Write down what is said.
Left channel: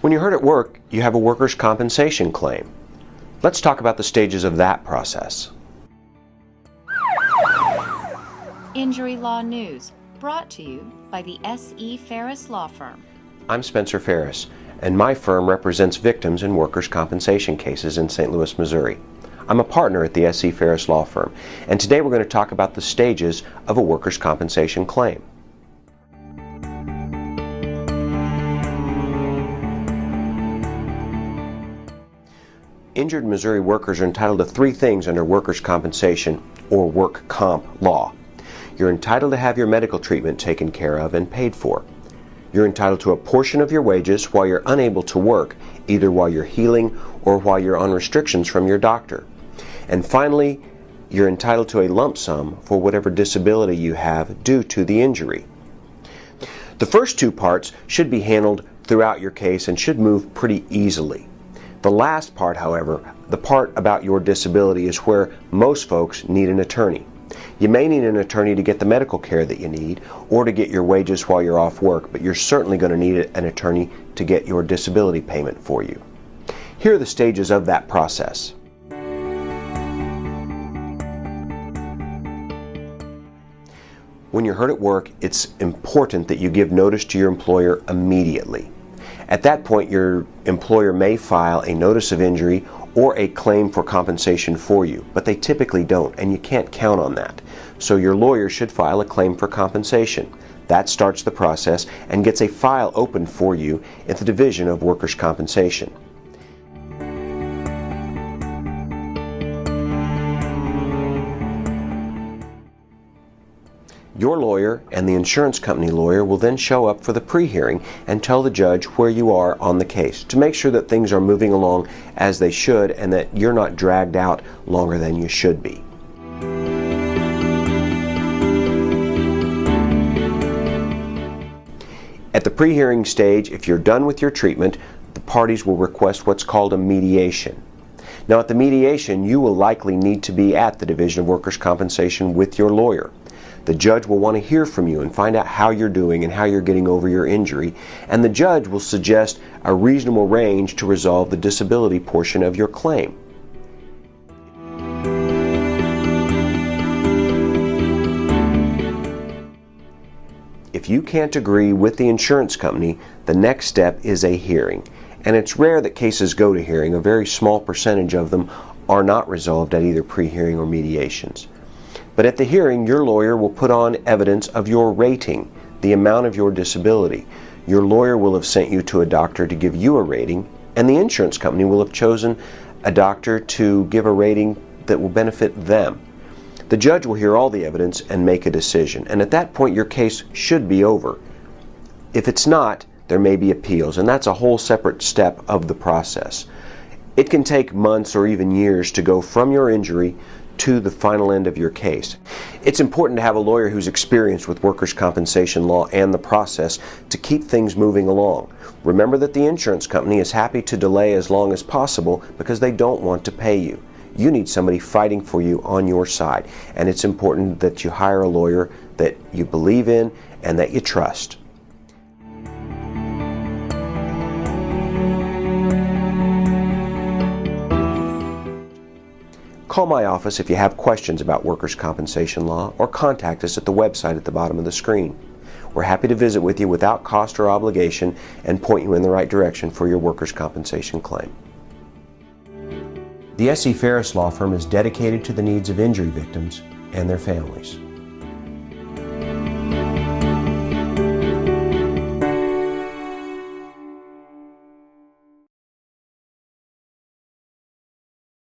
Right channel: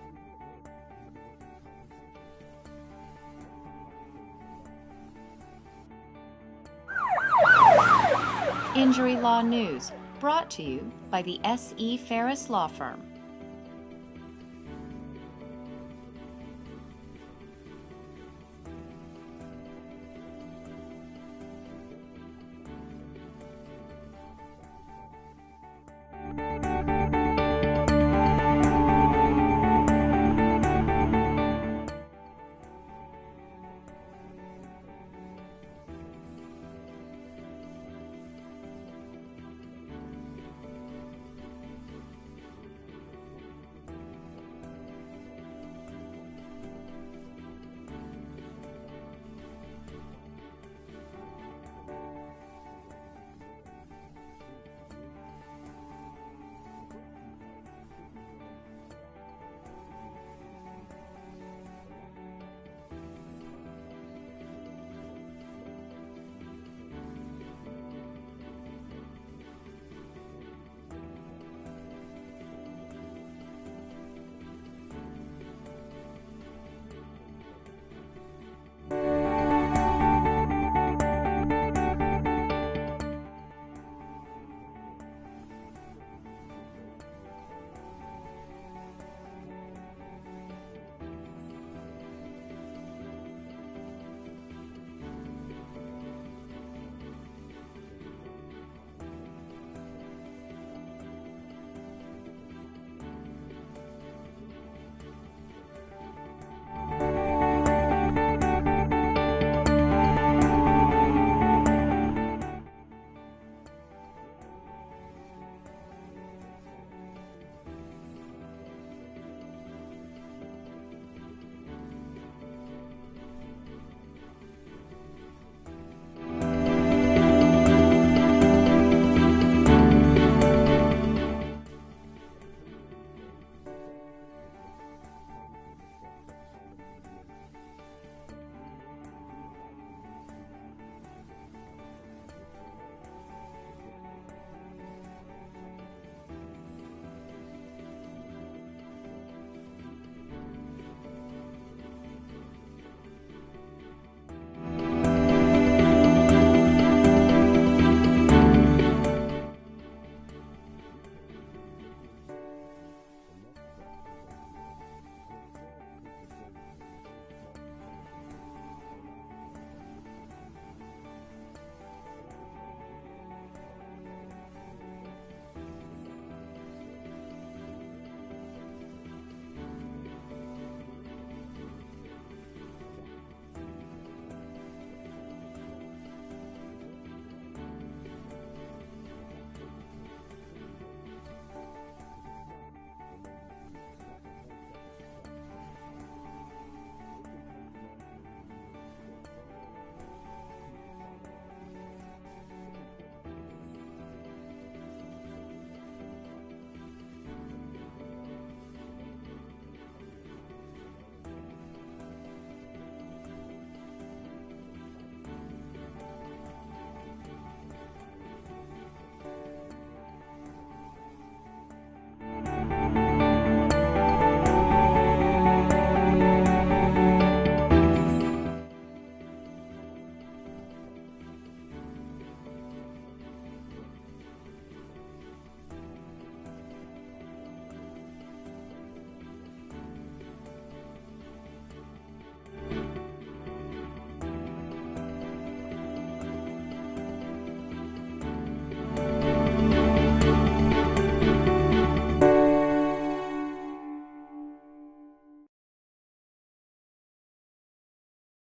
When you're hurt at work, you have a workers' compensation claim. Let's talk about the stages of that process. Injury Law News, brought to you by the S.E. Ferris Law Firm. I'm Spencer Ferris, and my firm represents victims in workers' compensation cases in St. Louis, Missouri. I'm a partner at the S.E. Ferris Law Firm, and today we're going to talk about the stages of a workers' compensation claim. Injured Missouri workers are entitled to three things under workers' compensation or work comp law. You're entitled to have your medical treatment taken care of and paid for. You're entitled to a portion of your wages while you're unable to work, either while you're healing or while you're on restrictions from your doctor. And finally, you're entitled to a lump sum for whatever disability you have due to the injury. The first two parts should be handled throughout your case and should move pretty easily. The last part, however, the part about your disability, is where most folks need an attorney. You may need an attorney to get the medical care that you need or to get your wages while you're off work, but you're certainly going to need an attorney to get your disability payment for you. Here are the stages of that process. When you're hurt at work, it's important that you give notice to your employer immediately. At that point, your employer may file a notice of injury or a claim for compensation for you, but they typically don't, and you can't count on that. So your lawyer should file a claim for compensation. That starts the process and gets a file opened for you at the Division of Workers' Compensation. Your lawyer and the insurance company lawyer will then show up for the pre-hearing and tell the judge where you are on the case to make sure that things are moving along as they should and that you're not dragged out longer than you should be. At the pre-hearing stage, if you're done with your treatment, the parties will request what's called a mediation. Now, at the mediation, you will likely need to be at the Division of Workers' Compensation with your lawyer. The judge will want to hear from you and find out how you're doing and how you're getting over your injury, and the judge will suggest a reasonable range to resolve the disability portion of your claim. If you can't agree with the insurance company, the next step is a hearing. And it's rare that cases go to hearing. A very small percentage of them are not resolved at either pre-hearing or mediations. But at the hearing, your lawyer will put on evidence of your rating, the amount of your disability. Your lawyer will have sent you to a doctor to give you a rating, and the insurance company will have chosen a doctor to give a rating that will benefit them. The judge will hear all the evidence and make a decision, and at that point your case should be over. If it's not, there may be appeals, and that's a whole separate step of the process. It can take months or even years to go from your injury to the final end of your case. It's important to have a lawyer who's experienced with workers' compensation law and the process to keep things moving along. Remember that the insurance company is happy to delay as long as possible because they don't want to pay you. You need somebody fighting for you on your side, and it's important that you hire a lawyer that you believe in and that you trust. Call my office if you have questions about workers' compensation law, or contact us at the website at the bottom of the screen. We're happy to visit with you without cost or obligation and point you in the right direction for your workers' compensation claim. The S.E. Ferris Law Firm is dedicated to the needs of injury victims and their families.